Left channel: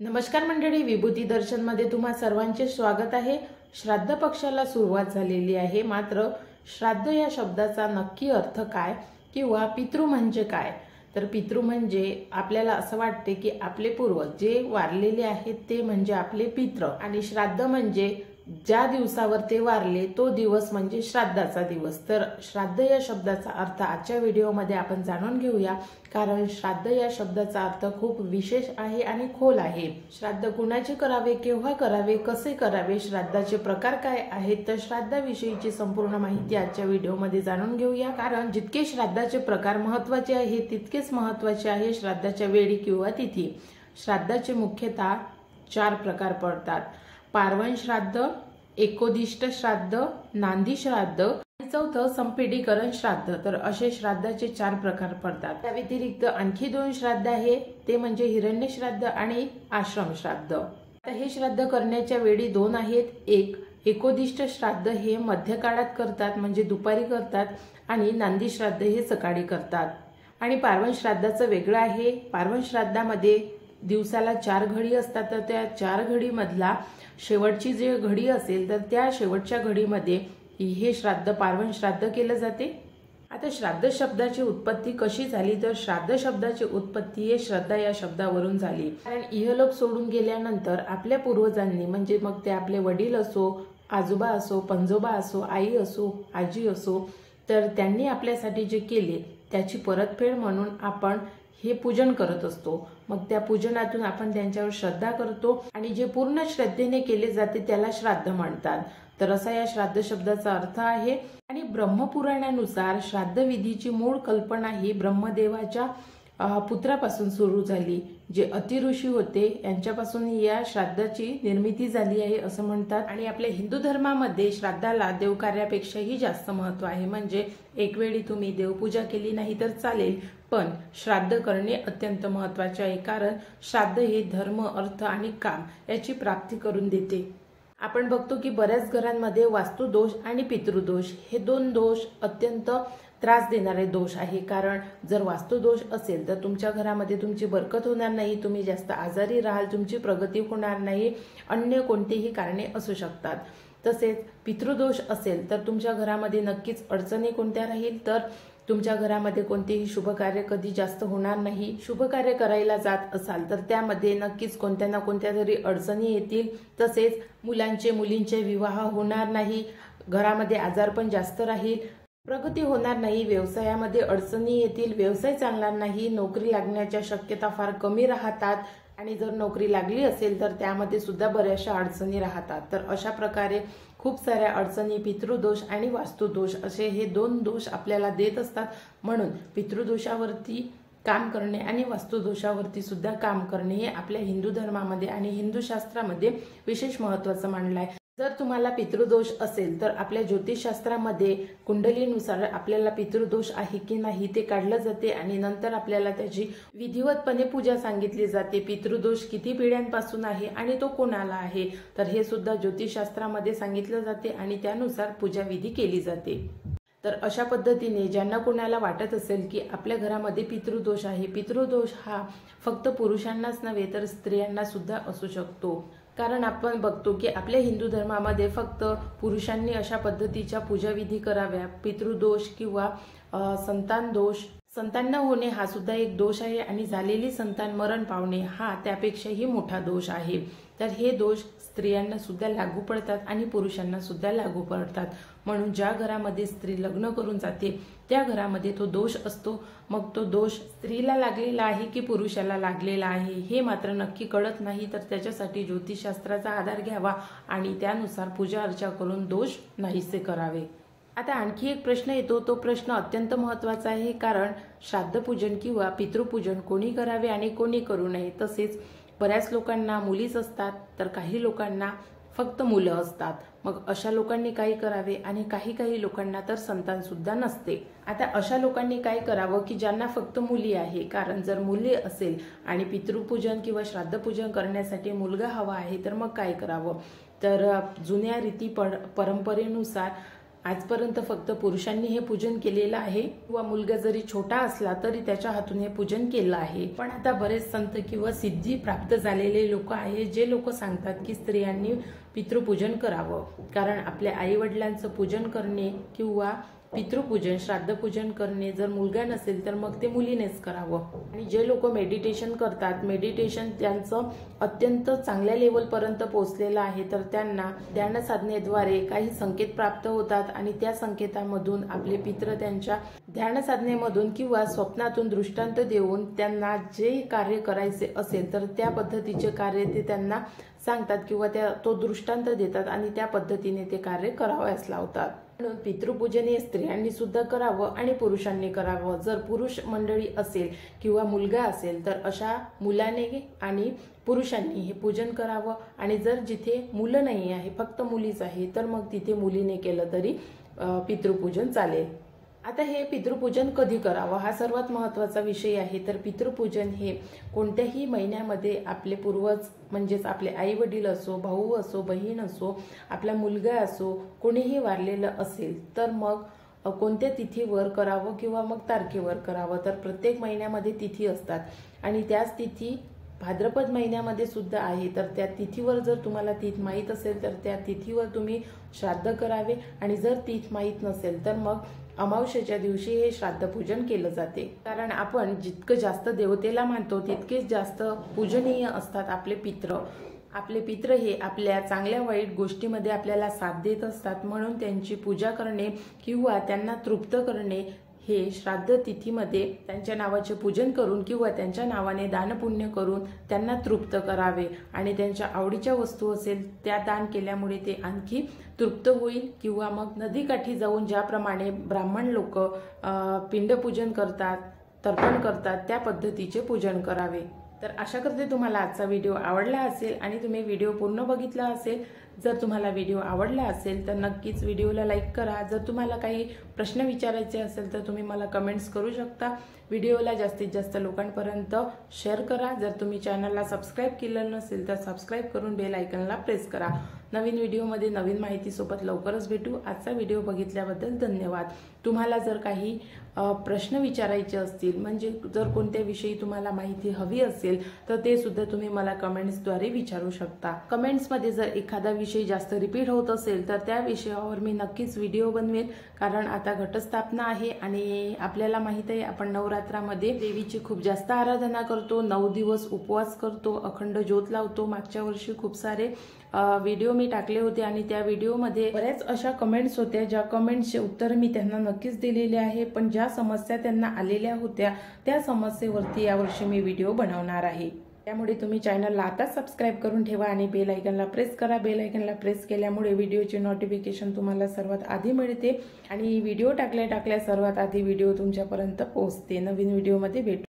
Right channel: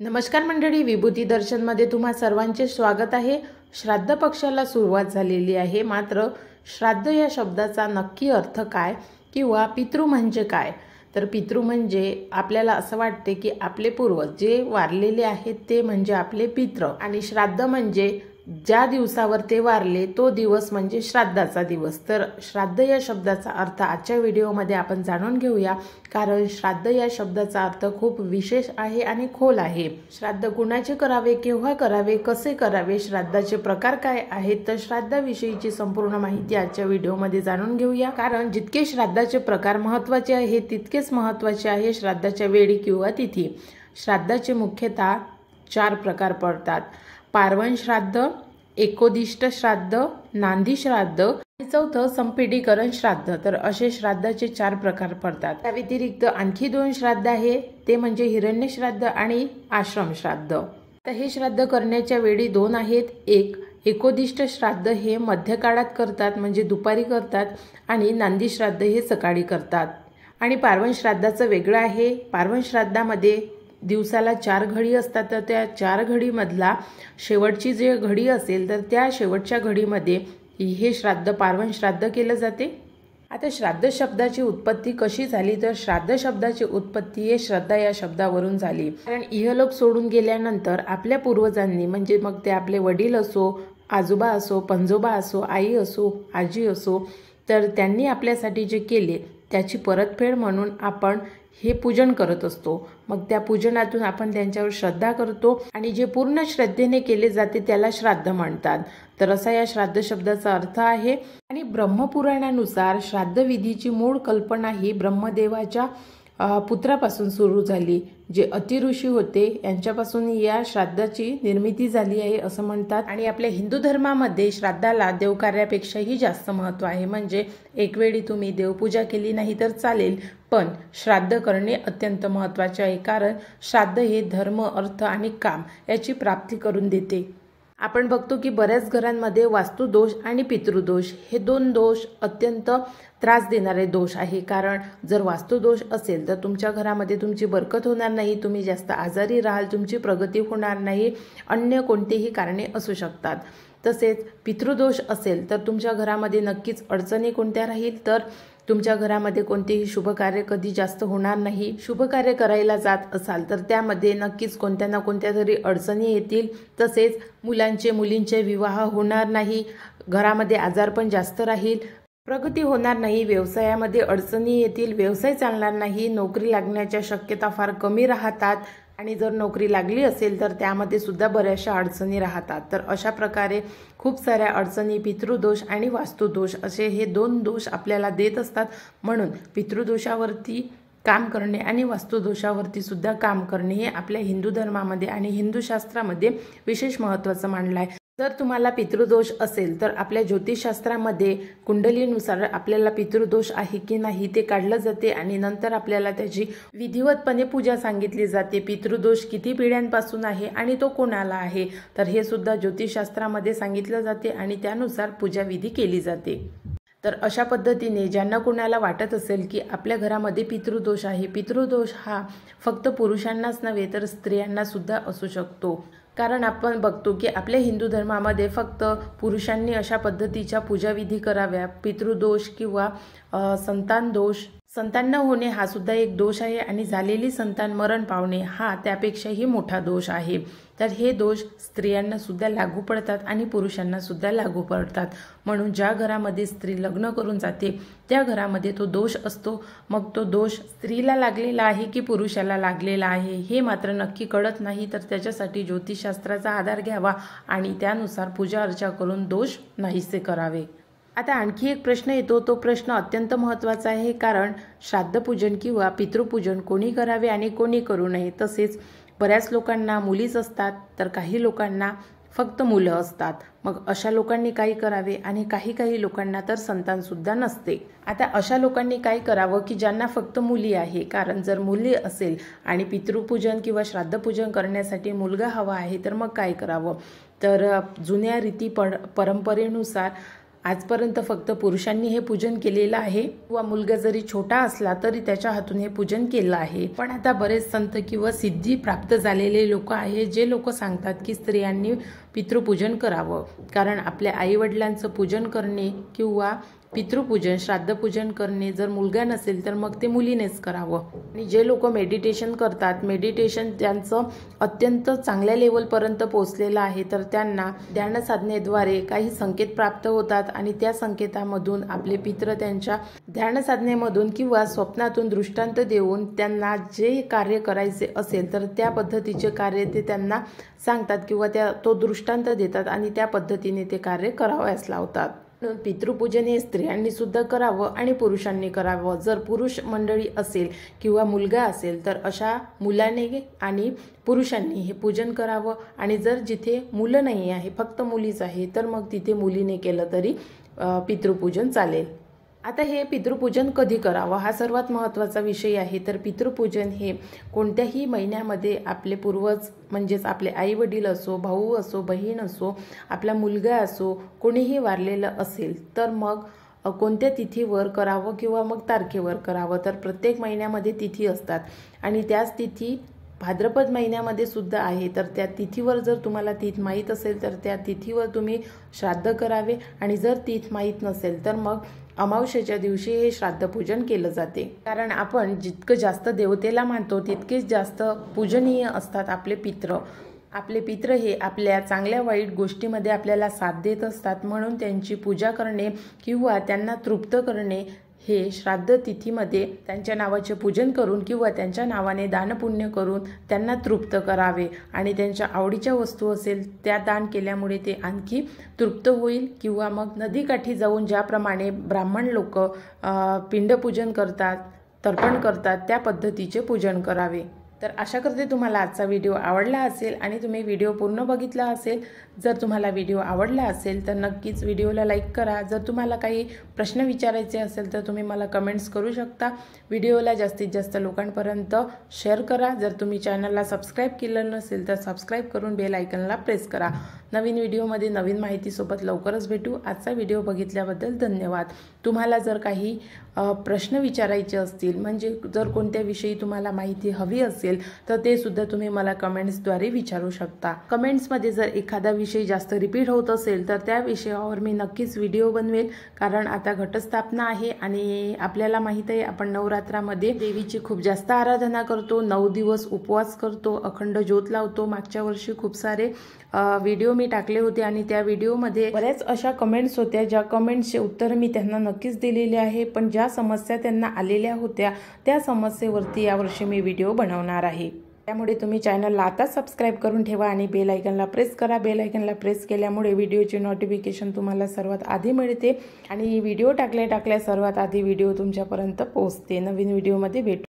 नमस्कार मंडळी, विभूती दर्शन मध्ये तुम्हा सर्वांचे स्वागत आहे। श्राद्ध पक्षाला सुरुवात झालेली आहे, मात्र श्राद्ध या शब्दाचा नक्की अर्थ काय किंवा पितृ म्हणजे काय? तर पितृ म्हणजे आपल्याला असं वाटते की आपले पूर्वज जे वारलेले आहेत ते म्हणजे आपले पितृ, आणि श्राद्ध म्हणजे ज्या दिवसावर ते वारले तो दिवस म्हणजे श्राद्धाचा दिवस। तर श्राद्ध या शब्दाचा अर्थ आजच्या व्हिडिओमध्ये आपण जाणून घेऊया, कारण श्राद्ध या शब्दाचा अर्थ खूप विशेष आहे आणि खोल आहे। श्राद्ध कुणाचे करावे, केव्हा करावे, कसे करावे, श्राद्धाचे प्रकार काय आहेत, तर श्राद्धाविषयीची संपूर्ण माहिती आजच्या व्हिडिओमध्ये जाणून घेऊया। कारण जितके श्राद्धाचे प्रकार महत्त्वाचे आहेत तितकेच महत्त्वाचे आहे श्राद्धाच्या वेळी किंवा तिथी। श्राद्धाचे मुख्यतः 4 प्रकार पडतात: पार्वण श्राद्ध, एकोदिष्ट श्राद्ध, नांदी श्राद्ध आणि चौथं संपीडीकरण श्राद्ध। तर असे श्राद्धाचे 4 प्रकार पडतात। त्या व्यतिरिक्त आणखी 2 श्राद्ध आहे, ते म्हणजे हिरण्य श्राद्ध आणि आश्रम श्राद्ध। आता हे श्राद्ध करण्याच्या वेळी 2 आहेत। एक एकोदिष्ट श्राद्ध हे मध्य काळात करतात, म्हणजे दुपारी करतात, आणि नांदी श्राद्ध हे सकाळी करतात। आणि पार्वण श्राद्धाचं वेगळं आहे। पार्वण श्राद्धामध्ये दिवसाला 4 घडी असतात, तर त्या 4 घडीमधला शेवटची जे घडी असेल तर त्या शेवटच्या घडीमध्ये हे श्राद्ध पार्वण श्राद्ध केलं जाते। आता श्राद्ध शब्दाची उत्पत्ती कशी झाली, तर श्राद्ध शब्दाची उत्पत्ती हे श्रद्धा या शब्दावरून झाली। कारण इहलोक सोडून गेल्यानंतर आपल्या पूर्वजांनी, म्हणजे मग ते आपले वडील असो, आजोबा असो, पणजोबा असो, आई असो, आजी असो, तर त्यांनी आपल्यासाठी जे केले त्याची परतफेड म्हणून आपण हे पूजन करत असतो। मग त्या पूजनातून आपण त्यांच्यावर श्रद्धा करतो, आणि जे पूर्ण श्रद्धेने केले जाते त्याला श्राद्ध म्हणतात। तर असा या श्राद्ध शब्दाचा अर्थ आहे। आणि ब्रह्मपुराणानुसार श्राद्ध विधीची मूळ कल्पना ही ब्रह्मदेवाच्या पुत्रापासून सुरू झाली, जे अतिऋषी होते यांच्यापासून या श्राद्धाची निर्मिती झाली आहे असं म्हणतात। आणि आपल्या हिंदू धर्मामध्ये श्राद्धाला देवकार्यापेक्षाही जास्त महत्त्व आहे। म्हणजे एक वेळी तुम्ही देवपूजा केली नाही तर चालेल, पण श्राद्ध करणे अत्यंत महत्त्वाचे आहे। कारण श्राद्ध हे धर्म, अर्थ आणि काम याची प्राप्ती करून देते। आपण बघतो की बऱ्याच घरांमध्ये वास्तुदोष आणि पितृदोष हे 2 दोष अत्यंत त्रास देणारे दोष आहे। कारण जर वास्तुदोष असेल तर तुमच्या घरामध्ये तुमची बरकत होणार नाही, तुम्ही जास्त आजारी राहाल, तुमची प्रगती होणार नाही, अन्य कोणतेही कारणे असू शकतात। तसेच पितृदोष असेल तर तुमच्या घरामध्ये नक्कीच अडचणी कोणत्या राहील, तर तुमच्या घरामध्ये कोणतेही शुभकार्य कधी जास्त होणार नाही। शुभकार्य करायला जात असाल तर त्यामध्ये नक्कीच कोणत्या ना कोणत्या तरी अडचणी येतील। तसेच मुलींचे विवाह होणार नाही, घरामध्ये आजारपण जास्त राहील, प्रगती होणार नाही, व्यवसायामध्ये अडचणी येतील, व्यवसाय चालणार नाही, नोकरी लागण्याच्या शक्यता फार कमी राहतात, आणि जर नोकरी लागली असेल तर त्यामध्ये सुद्धा बऱ्याचशा अडचणी राहतात। तर अशा प्रकारे खूप साऱ्या अडचणी पितृदोष आणि वास्तुदोष असे हे 2 दोष आपल्याला देत असतात। म्हणून पितृदोषावरती काम करणे आणि वास्तुदोषावरती सुद्धा काम करणे हे आपल्या हिंदू धर्मामध्ये आणि हिंदू शास्त्रामध्ये विशेष महत्त्वाचं मानलं आहे। जर तुम्हाला पितृदोष असेल तर आपल्या ज्योतिषशास्त्रामध्ये कुंडलीनुसार आपल्याला पितृदोष आहे की नाही ते काढलं जाते, आणि नंतर आपल्याला त्याची विधिवतपणे पूजा सांगितली जाते। पितृदोष किती पिढ्यांपासून आहे आणि तो कोणाला आहे, तर हे सुद्धा ज्योतिषशास्त्रामध्ये सांगितलं जाते, आणि त्यानुसार पूजाविधी केली जाते। तर अशा पद्धतीने ज्यांना कोणाला वाटत असेल की आपल्या घरामध्ये पितृदोष आहे, पितृदोष हा फक्त पुरुषांनाच नव्हे तर स्त्रियांना सुद्धा असू शकतो। कारण आपण बघतो की आपल्या हिंदू धर्मामध्ये फक्त पुरुषांनी अशा पद्धतीच्या पूजाविधी कराव्या। पितृदोष किंवा संतान दोष, संतान न होणे हा सुद्धा एक दोष आहे, आणि झालेली संतान मरण पावणे हा त्यापेक्षाही मोठा दोष आहे। तर हे दोष स्त्रियांना सुद्धा लागू पडतात आणि पुरुषांना सुद्धा लागू पडतात। म्हणून ज्या घरामध्ये स्त्री लग्न करून जाते त्या घरामध्ये तो दोष असतो। मग तो दोष स्त्रीला लागलेला आहे की पुरुषाला लागलेला आहे हे मात्र नक्की कळत नाही, तर त्याच्यासाठी ज्योतिषशास्त्राचा आधार घ्यावा आणि त्यानुसार पूजा अर्चा करून दोष नाहीसे करावे। आता आणखी एक प्रश्न येतो, तो प्रश्न अत्यंत महत्त्वाचा आहे। कारण श्राद्धपूजन किंवा पितृपूजन कोणी करावे आणि कोणी करू नये। तसेच बऱ्याच लोकांना मुलीच असतात, तर काही लोकांना फक्त मुलं असतात। मग अशा लोकांनी काय करावे, आणि काही लोकांना तर संतान सुद्धा नसते। आता अशा लोकांनी काय करावं की ज्यांना फक्त मुली आहे, कारण जर मुली असेल आणि पितृपूजन किंवा श्राद्धपूजन करण्यासाठी मुलगा हवा आहे तर मग काय करावं, तर जुन्या रीती परंपरेनुसार आजपर्यंत फक्त पुरुषांनी हे पूजन केलेलं आहे किंवा मुलगा जरी छोटा असला तरी त्याच्या हातून हे पूजन केलं आहे। पण आता बरेच संत किंवा सिद्धी प्राप्त झालेले लोक आहे जे लोक सांगतात की स्त्रियांनी पितृपूजन करावं, कारण आपल्या आई वडिलांचं पूजन करणे किंवा पितृपूजन श्राद्धपूजन करणे जर मुलगा नसेल तर मग ते मुलीनेच करावं। आणि जे लोक मेडिटेशन करतात, मेडिटेशन त्यांचं अत्यंत चांगल्या लेवलपर्यंत पोहोचलेलं आहे, तर त्यांना ध्यान साधनेद्वारे काही संकेत प्राप्त होतात आणि त्या संकेतामधून आपले पितृ त्यांच्या ध्यान साधनेमधून किंवा स्वप्नातून दृष्टांत देऊन त्यांना जे कार्य करायचे असेल तर त्या पद्धतीचे कार्य ते त्यांना सांगतात किंवा तो दृष्टांत देतात आणि त्या पद्धतीने ते कार्य करावयास लावतात। म्हणून पितृपूजन हे स्त्रियांनी सुद्धा करावं आणि पुरुषांनी करावं। जर पुरुष मंडळी असेल किंवा मुलगा असेल तर अशा मुलाने आणि पुरुषांनी हे पूजन करावं, आणि जर जिथे मुलं नाही आहे फक्त मुलीच आहे तर मग तिथे मुलीने केलं तरी पितृपूजन चालेल। आता हे पितृपूजन कधी करावं हा सर्वात महत्त्वाचा विषय आहे। तर पितृपूजन हे कोणत्याही महिन्यामध्ये आपले पूर्वज म्हणजेच आपले आई वडील असो, भाऊ असो, बहीण असो, आपला मुलगा असो, कोणीही वारलेलं असेल तर मग कोणत्या तिथीवर करावं किंवा मग तारखेवर करावं। तर प्रत्येक महिन्यामध्ये तिथी असतात आणि त्याच तिथी भाद्रपद महिन्यामध्ये सुद्धा आहे, तर त्या तिथीवर जर तुम्हाला तीथ माहीत असेल तर त्या तिथीवर तुम्ही श्राद्ध करावे, आणि जर तीथ माहीत नसेल तर मग अमावस्येच्या दिवशी हे श्राद्धपूजन केलं जाते। कारण आपण जितकं जास्त देवतेला मानतो तितकेच जास्त पूजनीय असतात आपले पितृ। आपले पितृ हे आपल्या चांगल्या वाईट गोष्टीमध्ये आपल्याला साथ देत असतात, म्हणून त्यांची पूजा करणे किंवा त्यांना तृप्त करणे हे श्राद्ध तिथीमध्ये त्यांच्या नावाचे पूजन करून किंवा त्यांच्या नावाने दानपुण्य करून त्यांना तृप्त करावे, आणि त्यांच्या आवडीच्या वस्तू असेल त्या दान केल्यामुळे ते आणखी तृप्त होईल। किंवा मग नदीकाठी जाऊन ज्याप्रमाणे ब्राह्मण लोक पिंडपूजन करतात, तर्पण करतात, त्या पद्धतीचे पूजन करावे। तर आशा करते तुम्हाला आजचा व्हिडिओ आवडला असेल आणि तुम्ही व्हिडिओ पूर्ण बघितला असेल। जर तुम्हाला व्हिडिओ आवडला असेल तर नक्कीच व्हिडिओला लाईक करा। जर तुम्हाला काही प्रश्न विचारायचे असेल तर तुम्ही मला कमेंट्स करू शकता। व्हिडिओला जास्तीत जास्त लोकांपर्यंत शेअर करा। जर तुम्ही चॅनलला सबस्क्राईब केलं नसेल तर सबस्क्राईब करून बेल आयकॉनला प्रेस करा। नवीन व्हिडिओमध्ये नवीन माहितीसोबत लवकरच भेटू। आजचा व्हिडिओ बघितल्याबद्दल धन्यवाद। तुम्हाला जर काही प्रश्न विचारायचे असतील, म्हणजे जर कोणत्या विषयी तुम्हाला माहिती हवी असेल तर ते सुद्धा तुम्ही मला कमेंट्सद्वारे विचारू शकता। कमेंट्समध्ये जर एखादा विषय जास्त रिपीट होत असेल तर त्या विषयावर मी नक्कीच व्हिडिओ बनवेल, कारण आता घटस्थापना आहे आणि आपल्याला माहित आहे आपण नवरात्रामध्ये देवीची खूप जास्त आराधना करतो, 9 दिवस उपवास करतो, अखंड ज्योत लावतो। मागच्या वर्षी खूप सारे व्हिडिओ मी टाकले होते आणि त्या व्हिडिओमध्ये बऱ्याच अशा कमेंट्स होत्या ज्या कमेंट्सचे उत्तर मी त्यांना नक्कीच दिलेले आहे, पण ज्या समस्या त्यांना आलेल्या होत्या त्या समस्येवरती यावर्षी मी व्हिडिओ बनवणार आहे। त्यामुळे तुम्ही चॅनलला आता सबस्क्राईब करून ठेवा आणि बेल आयकॉनला प्रेस करा। बेल आयकॉनला प्रेस केल्यामुळे व्हिडिओची नोटिफिकेशन तुम्हाला सर्वात आधी मिळते आणि व्हिडिओ टाकल्या सर्वात आधी व्हिडिओ तुमच्यापर्यंत पोहोचते। नवीन व्हिडिओमध्ये भेटू।